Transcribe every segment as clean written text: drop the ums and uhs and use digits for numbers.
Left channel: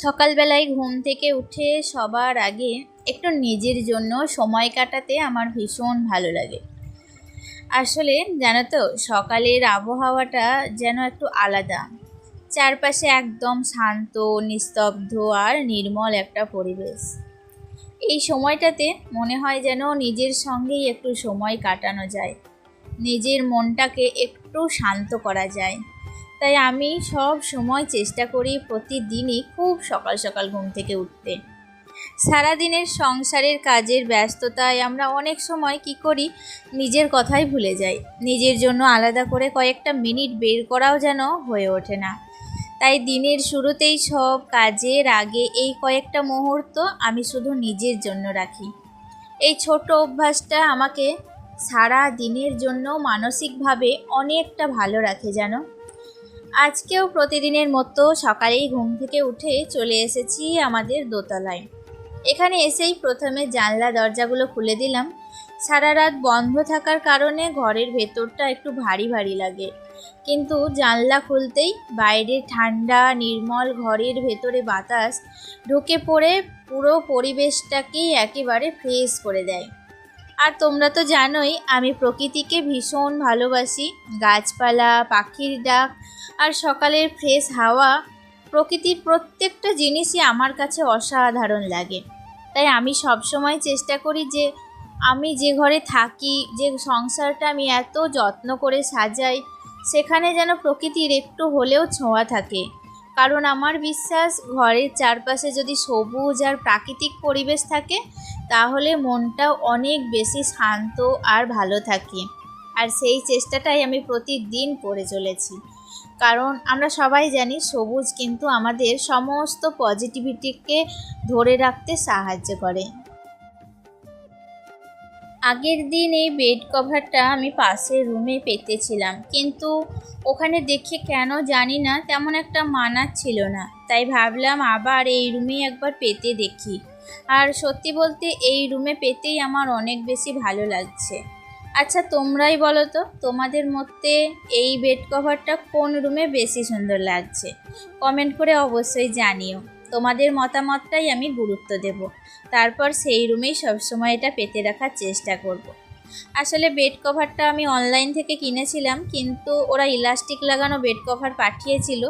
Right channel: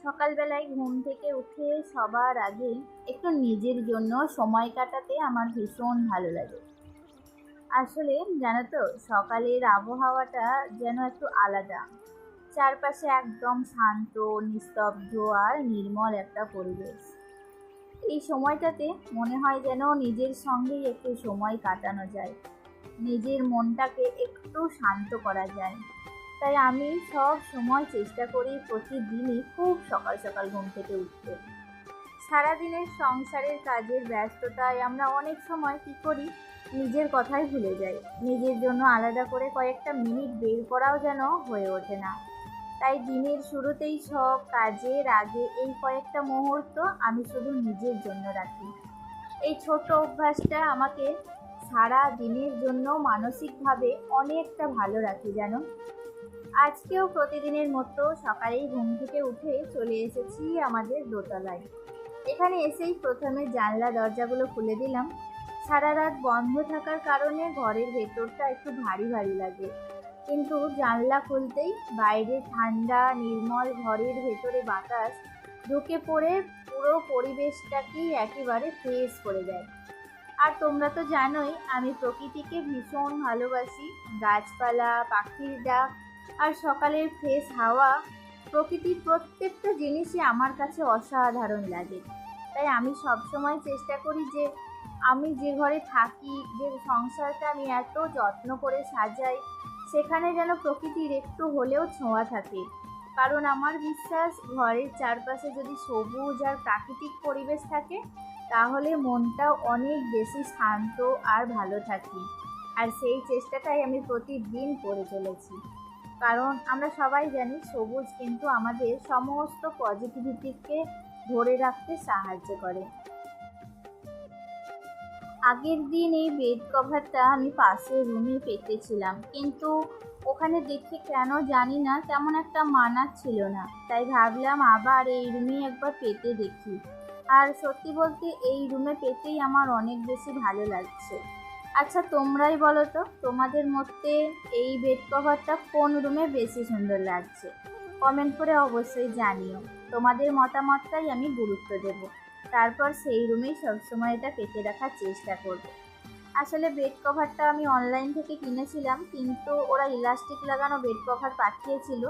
সকালবেলায় ঘুম থেকে উঠে সবার আগে একটু নিজের জন্য সময় কাটাতে আমার ভীষণ ভালো লাগে। আসলে জানো তো, সকালের আবহাওয়াটা যেন একটু আলাদা। চারপাশে একদম শান্ত, নিস্তব্ধ আর নির্মল একটা পরিবেশ। এই সময়টাতে মনে হয় যেন নিজের সঙ্গেই একটু সময় কাটানো যায়, নিজের মনটাকে একটু শান্ত করা যায়। তাই আমি সব সময় চেষ্টা করি প্রতিদিনই খুব সকাল সকাল ঘুম থেকে উঠতে। সারাদিনের সংসারের কাজের ব্যস্ততায় আমরা অনেক সময় কি করি, নিজের কথাই ভুলে যাই। নিজের জন্য আলাদা করে কয়েকটা মিনিট বের করাও যেন হয়ে ওঠে না। তাই দিনের শুরুতেই সব কাজের আগে এই কয়েকটা মুহূর্ত আমি শুধু নিজের জন্য রাখি। এই ছোট অভ্যাসটা আমাকে সারা দিনের জন্য মানসিকভাবে অনেকটা ভালো রাখে জানো। আজকেও প্রতিদিনের মতো সকালেই ঘুম থেকে উঠে চলে এসেছি আমাদের দোতলায়। এখানে এসেই প্রথমে জানলা দরজাগুলো খুলে দিলাম। সারা রাত বন্ধ থাকার কারণে ঘরের ভেতরটা একটু ভারী ভারী লাগে, কিন্তু জানলা খুলতেই বাইরে ঠান্ডা নির্মল ঘরের ভেতরে বাতাস ঢুকে পড়ে পুরো পরিবেশটাকেই একেবারে ফ্রেশ করে দেয়। আর তোমরা তো জানোই আমি প্রকৃতিকে ভীষণ ভালোবাসি। গাছপালা, পাখির ডাক আর সকালের ফ্রেশ হাওয়া, প্রকৃতির প্রত্যেকটা জিনিসই আমার কাছে অসাধারণ লাগে। তাই আমি সবসময় চেষ্টা করি যে আমি যে ঘরে থাকি, যে সংসারটা আমি এত যত্ন করে সাজাই, সেখানে যেন প্রকৃতির একটু হলেও ছোঁয়া থাকে। কারণ আমার বিশ্বাস, ঘরের চারপাশে যদি সবুজ আর প্রাকৃতিক পরিবেশ থাকে, তাহলে মনটাও অনেক বেশি শান্ত আর ভালো থাকে। আর সেই চেষ্টাটাই আমি প্রতিদিন করে চলেছি। কারণ আমরা সবাই জানি সবুজ কিন্তু আমাদের সমস্ত পজিটিভিটিকে ধরে রাখতে সাহায্য করে। আগের দিন এই বেড কভারটা আমি পাশের রুমে পেতেছিলাম, কিন্তু ওখানে দেখে কেন জানি না তেমন একটা মানাচ্ছিল না। তাই ভাবলাম আবার এই রুমে একবার পেতে দেখি। আর সত্যি বলতে এই রুমে পেতেই আমার অনেক বেশি ভালো লাগছে। আচ্ছা, তোমরাই বলো তো, তোমাদের মধ্যে এই বেড কভারটা কোন রুমে বেশি সুন্দর লাগছে? কমেন্ট করে অবশ্যই জানিও। তোমাদের মতামতটাই আমি গুরুত্ব দেব। তারপর সেই রুমেই সবসময় এটা পেতে রাখার চেষ্টা করব। আসলে বেড কভারটা আমি অনলাইন থেকে কিনেছিলাম, কিন্তু ওরা ইলাস্টিক লাগানো বেড কভার পাঠিয়েছিল।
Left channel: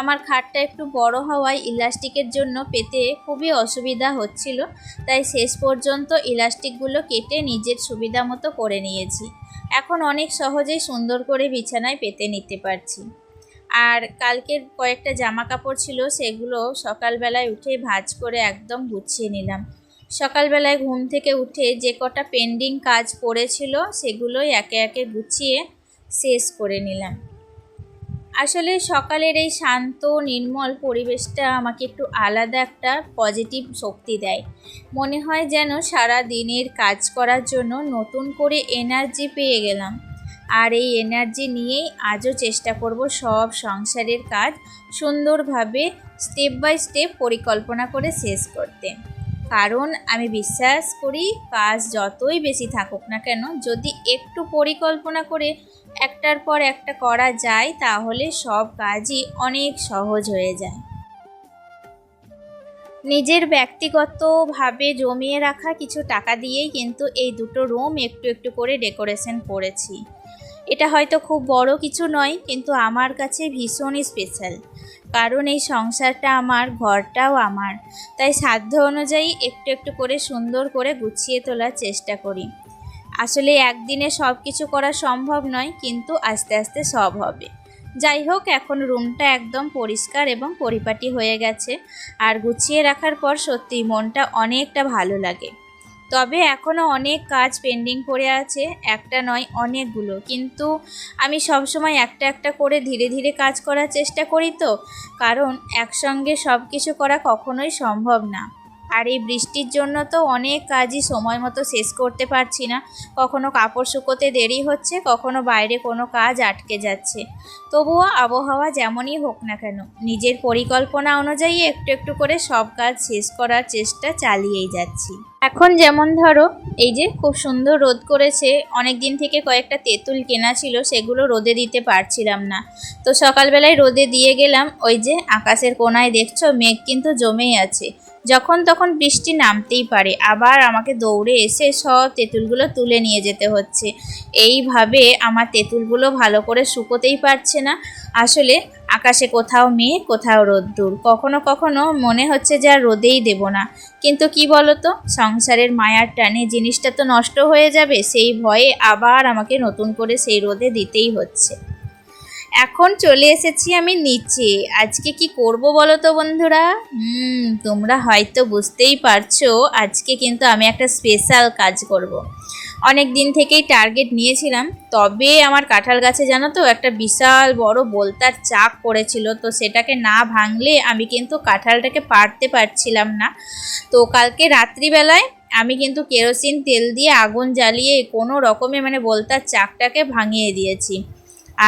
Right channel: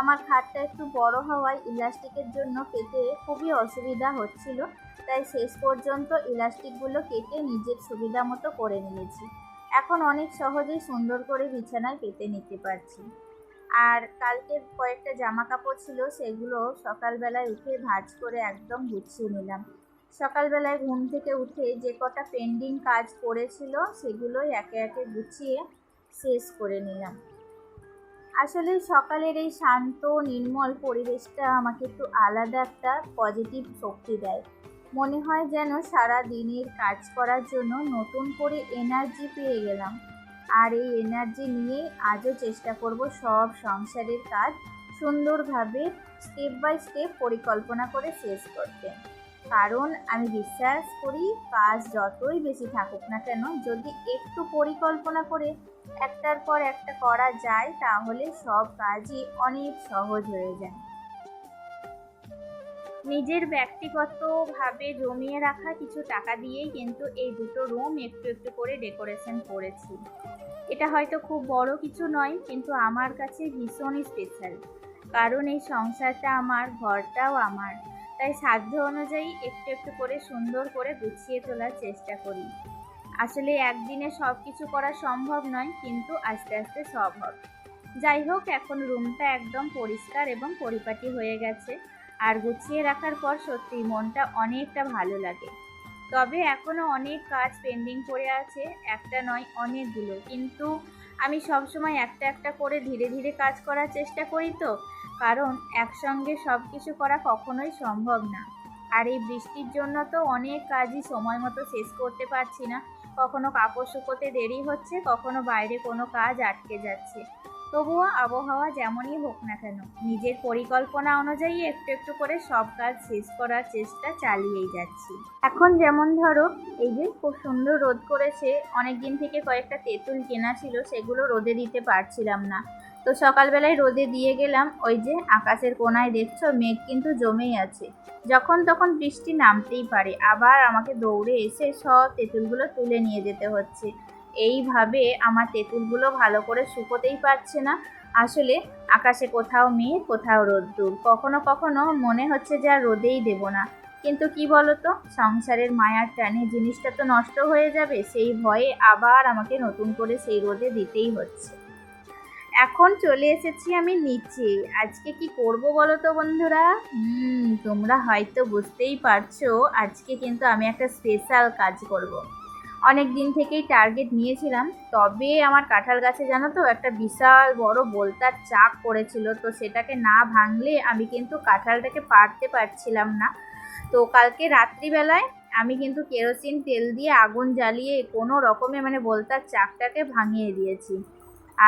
আমার খাটটা একটু বড় হওয়ায় ইলাস্টিকের জন্য পেতে খুবই অসুবিধা হচ্ছিল। তাই শেষ পর্যন্ত ইলাস্টিকগুলো কেটে নিজের সুবিধা মতো করে নিয়েছি। এখন অনেক সহজেই সুন্দর করে বিছানায় পেতে নিতে পারছি। আর কালকের কয়েকটা জামা কাপড় ছিল, সেগুলো সকালবেলায় উঠে ভাঁজ করে একদম গুছিয়ে নিলাম। সকালবেলায় ঘুম থেকে উঠে যে কটা পেন্ডিং কাজ পড়েছিল, সেগুলোই একে একে গুছিয়ে শেষ করে নিলাম। আসলে সকালের এই শান্ত নির্মল পরিবেশটা আমাকে একটু আলাদা একটা পজিটিভ শক্তি দেয়। মনে হয় যেন সারা দিনের কাজ করার জন্য নতুন করে এনার্জি পেয়ে গেলাম। আর এই এনার্জি নিয়েই আজও চেষ্টা করব সব সংসারের কাজ সুন্দরভাবে স্টেপ বাই স্টেপ পরিকল্পনা করে শেষ করতে। কারণ আমি বিশ্বাস করি, কাজ যতই বেশি থাকুক না কেন, যদি একটু পরিকল্পনা করে একটার পর একটা করা যায়, তাহলে সব কাজই অনেক সহজ হয়ে যায়। নিজের ব্যক্তিগতভাবে জমিয়ে রাখা কিছু টাকা দিয়েই কিন্তু এই দুটো রুম একটু একটু করে ডেকোরেশন করেছি। এটা হয়তো খুব বড় কিছু নয়, কিন্তু আমার কাছে ভীষণই স্পেশাল। কারণ এই সংসারটা আমার, ঘরটাও আমার। তাই সাধ্য অনুযায়ী একটু একটু করে সুন্দর করে গুছিয়ে তোলার চেষ্টা করি। আসলে একদিনে সব কিছু করা সম্ভব নয়, কিন্তু আস্তে আস্তে সব হবে। যাই হোক, এখন রুমটা একদম পরিষ্কার এবং পরিপাটি হয়ে গেছে। আর গুছিয়ে রাখার পর সত্যিই মনটা অনেকটা ভালো লাগে। তবে এখনও অনেক কাজ পেন্ডিং পড়ে আছে, একটা নয় অনেকগুলো। কিন্তু আমি সবসময় একটা একটা করে ধীরে ধীরে কাজ করার চেষ্টা করি, তো কারণ একসঙ্গে সব কিছু করা কখনোই সম্ভব না। আর এই বৃষ্টির জন্য তো অনেক কাজই সময় মতো শেষ করতে পারছি না। কখনো কাপড় শুকোতে দেরি হচ্ছে, কখনো বাইরে কোনো কাজ আটকে যাচ্ছে। তবুও আবহাওয়া যেমনই হোক না কেন, নিজের পরিকল্পনা অনুযায়ী একটু একটু করে সব কাজ শেষ করার চেষ্টা চালিয়েই যাচ্ছি। এখন যেমন ধরো, এই যে খুব সুন্দর রোদ করেছে, অনেক দিন থেকে কয়েকটা তেঁতুল কেনা ছিল, সেগুলো রোদে দিতে পারছিলাম না। তো সকালবেলায় রোদে দিয়ে গেলাম। ওই যে আকাশের কোণায় দেখছো মেঘ কিন্তু জমেই আছে, যখন তখন বৃষ্টি নামতেই পারে। আবার আমাকে দৌড়ে এসে সব তেঁতুলগুলো তুলে নিয়ে যেতে হচ্ছে। এইভাবে আমার তেঁতুলগুলো ভালো করে শুকোতেই পারছে না। আসলে আকাশে কোথাও মেঘ, কোথাও রোদ্দুর, কখনো কখনো মনে হচ্ছে যে আর রোদেই দেব না। কিন্তু কি বলতো, সংসারের মায়ার টানে জিনিসটা তো নষ্ট হয়ে যাবে, সেই ভয়ে আবার আমাকে নতুন করে সেই রোদে দিতেই হচ্ছে। এখন চলে এসেছি আমি নিচে। আজকে কি করব বলো তো বন্ধুরা? তোমরা হয়তো বুঝতেই পারছো, আজকে কিন্তু আমি একটা স্পেশাল কাজ করব। অনেক দিন থেকেই টার্গেট নিয়েছিলাম, তবে আমার কাঁঠাল গাছে জানো তো একটা বিশাল বড় বোলতার চাক পড়েছিল, তো সেটাকে না ভাঙলে আমি কিন্তু কাঁঠালটাকে পারতে পারছিলাম না। তো কালকে রাত্রিবেলায় আমি কিন্তু কেরোসিন তেল দিয়ে আগুন জ্বালিয়ে কোনো রকমে মানে বোলতার চাকটাকে ভাঙিয়ে দিয়েছি।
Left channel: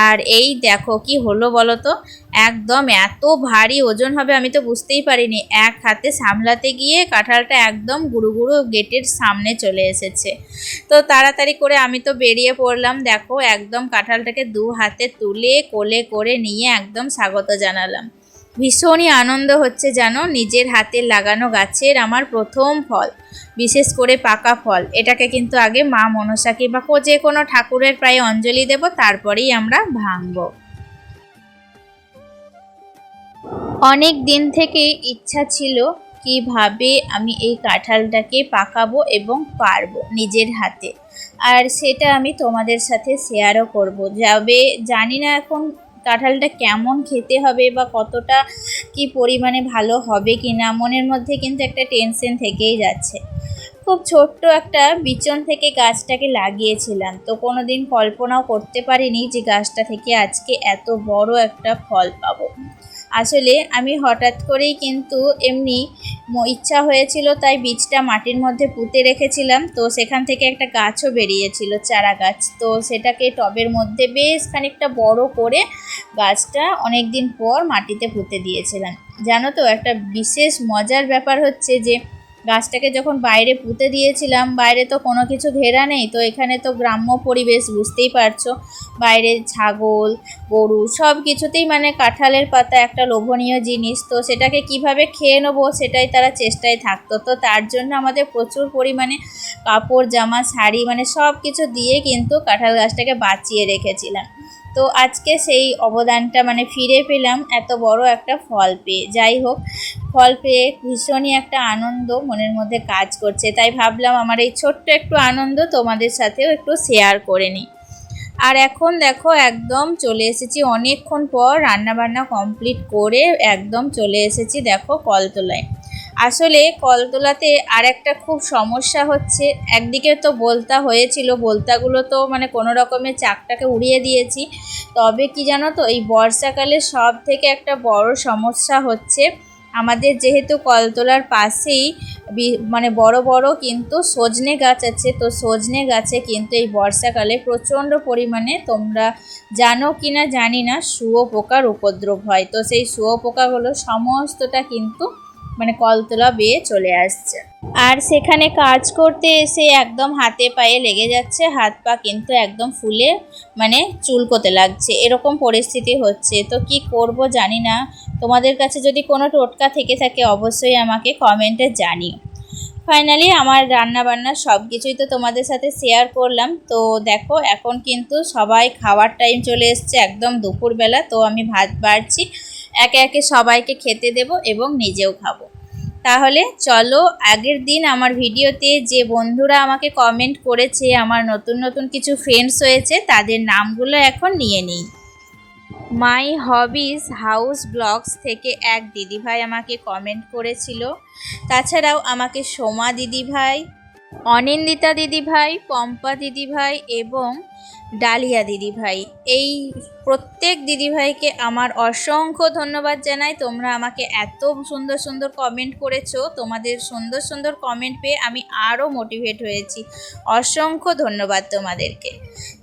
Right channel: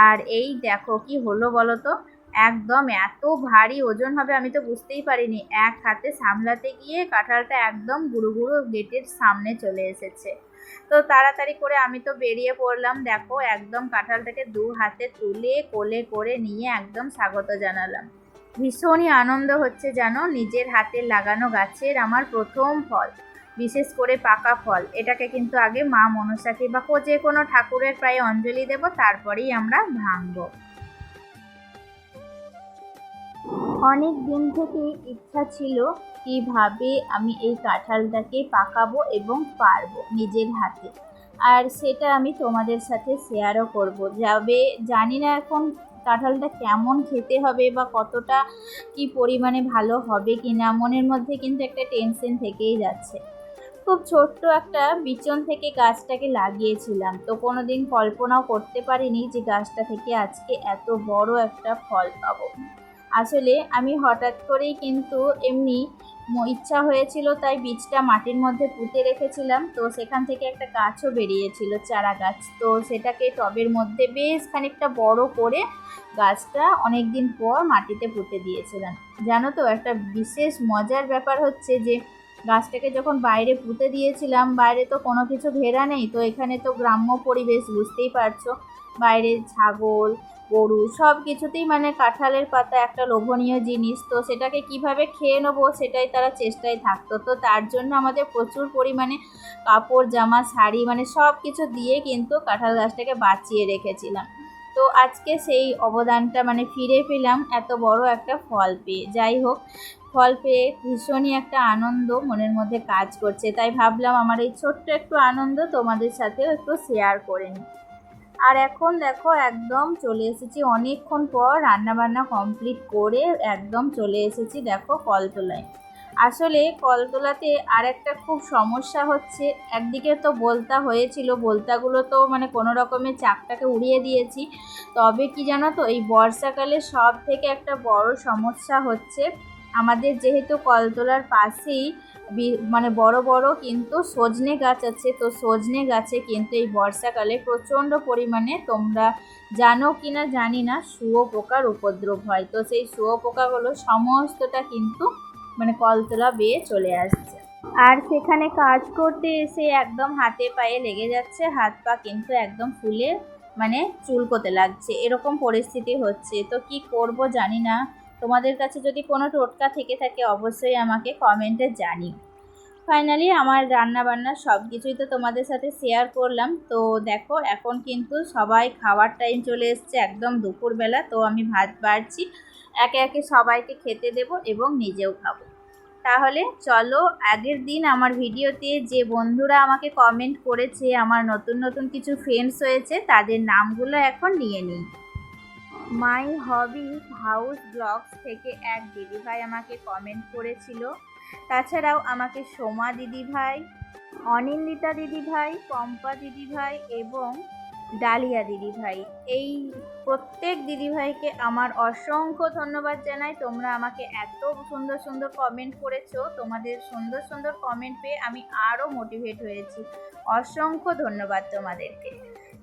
আর এই দেখো কি হলো বলো তো, একদম এত ভারী ওজন হবে আমি তো বুঝতেই পারিনি। এক হাতে সামলাতে গিয়ে কাঁঠালটা একদম গুঁড়ো গুঁড়ো গেটের সামনে চলে এসেছে। তো তাড়াতাড়ি করে আমি তো বেরিয়ে পড়লাম। দেখো একদম কাঁঠালটাকে দু হাতে তুলে কোলে করে নিয়ে একদম স্বাগত জানালাম। ভীষণই আনন্দ হচ্ছে জানো, নিজের হাতে লাগানো গাছের আমার প্রথম ফল, বিশেষ করে পাকা ফল। এটাকে কিন্তু আগে মা মনসাকে বা যে কোনো ঠাকুরের প্রায় অঞ্জলি দেব, তারপরেই আমরা ভাঙব। অনেক দিন থেকে ইচ্ছা ছিল কিভাবে আমি এই কাঁঠালটাকে পাকাবো এবং পারবো নিজের হাতে, আর সেটা আমি তোমাদের সাথে শেয়ারও করব। যাবে জানি না এখন কাঁঠালটা কেমন খেতে হবে বা কতটা কি পরিমাণে ভালো হবে কি না, মনের মধ্যে কিন্তু একটা টেনশন থেকেই যাচ্ছে। খুব ছোট্ট একটা বিচন থেকে গাছটাকে লাগিয়েছিলাম, তো কোনো দিন কল্পনাও করতে পারিনি যে গাছটা থেকে আজকে এত বড় একটা ফল পাবো। আসলে আমি হঠাৎ করেই কিন্তু এমনি ইচ্ছা হয়েছিল, তাই বীজটা মাটির মধ্যে পুঁতে রেখেছিলাম। তো সেখান থেকে একটা গাছও বেরিয়েছিল, চারা গাছ। তো সেটাকে টবের মধ্যে বেশ খানিকটা বড় করে গাছটা অনেক দিন পর মাটিতে পুঁতে দিয়েছিলাম। জানো তো একটা বিশেষ মজার ব্যাপার হচ্ছে যে গাছটাকে যখন বাইরে পুঁতে দিয়েছিলাম, বাইরে তো কোনো কিছু ঘেরা নেই, তো এখানে তো গ্রাম্য পরিবেশ বুঝতেই পারছো, বাইরে ছাগল গরু সব কিছুতেই মানে কাঁঠালের পাতা একটা লোভনীয় জিনিস, তো সেটাকে কিভাবে খেয়ে নেবো সেটাই তারা চেষ্টায় থাকতো। তো তার জন্য আমাদের প্রচুর পরিমাণে কাপড় জামা শাড়ি মানে সব কিছু দিয়ে কিন্তু কাঁঠাল গাছটাকে বাঁচিয়ে রেখেছিলাম। তো আজকে সেই অবদানটা মানে ফিরে পেলাম এত বড় একটা ফল পেয়ে। যাই হোক, ফল পেয়ে ভীষণই একটা আনন্দ মনের মধ্যে কাজ করছে, তাই ভাবলাম আমার এই ছোট্ট একটু আনন্দ তোমাদের সাথেও একটু শেয়ার করে নিই। আর এখন দেখো একদম চলে এসেছি অনেকক্ষণ পর, রান্নাবান্না কমপ্লিট করে একদম চলে এসেছি দেখো কলতলায়। আসলে কলতলাতে আর একটা খুব সমস্যা হচ্ছে, একদিকে তো বলতা হয়েছিল, বলতাগুলো তো মানে কোনো রকমের চাকটাকে উড়িয়ে দিয়েছি। তবে কি জানো তো, এই বর্ষাকালে সব থেকে একটা বড় সমস্যা হচ্ছে আমাদের যেহেতু কলতলার পাশেই মানে বড় বড় কিন্তু সজনে গাছ আছে, তো সজনে গাছে কিন্তু এই বর্ষাকালে প্রচণ্ড পরিমাণে, তোমরা জানো কি না জানি না, শুঁয়োপোকার উপদ্রব হয়। তো সেই শুঁয়োপোকাগুলো সমস্তটা কিন্তু মানে কলতলা বেয়ে চলে আসছে, আর সেখানে কাজ করতে এসে একদম হাতে পায়ে লেগে যাচ্ছে, হাত পা কিন্তু একদম ফুলে মানে চুলকোতে লাগছে, এরকম পরিস্থিতি হচ্ছে। তো কি করব জানি না, তোমাদের কাছে যদি কোনো টোটকা থেকে থাকে অবশ্যই আমাকে কমেন্টে জানিও। ফাইনালি আমার রান্নাবান্না সব কিছুই তো তোমাদের সাথে শেয়ার করলাম। তো দেখো এখন কিন্তু সবাই খাওয়ার টাইম চলে এসছে, একদম দুপুরবেলা। তো আমি ভাত বাড়ছি, একে একে সবাইকে খেতে দেব এবং নিজেও খাবো। তাহলে চলো, আগের দিন আমার ভিডিওতে যে বন্ধুরা আমাকে কমেন্ট করেছে, আমার নতুন নতুন কিছু ফ্রেন্ডস হয়েছে, তাদের নামগুলো এখন নিয়ে নিই। মাই হবিজ হাউস ব্লগস থেকে এক দিদিভাই আমাকে কমেন্ট করেছিল, তাছাড়াও আমাকে সোমা দিদিভাই, অনিন্দিতা দিদিভাই, পম্পা দিদিভাই এবং ডালিয়া দিদিভাই, এই প্রত্যেক দিদিভাইকে আমার অসংখ্য ধন্যবাদ জানাই। তোমরা আমাকে এত সুন্দর সুন্দর কমেন্ট করেছো, তোমাদের সুন্দর সুন্দর কমেন্ট পেয়ে আমি আরও মোটিভেট হয়েছি। অসংখ্য ধন্যবাদ তোমাদেরকে।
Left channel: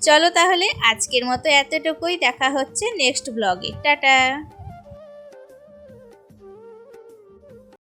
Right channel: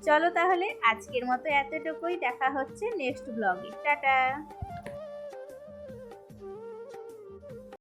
চলো তাহলে আজকের মতো এতটুকুই, দেখা হচ্ছে নেক্সট ব্লগে। টাটা।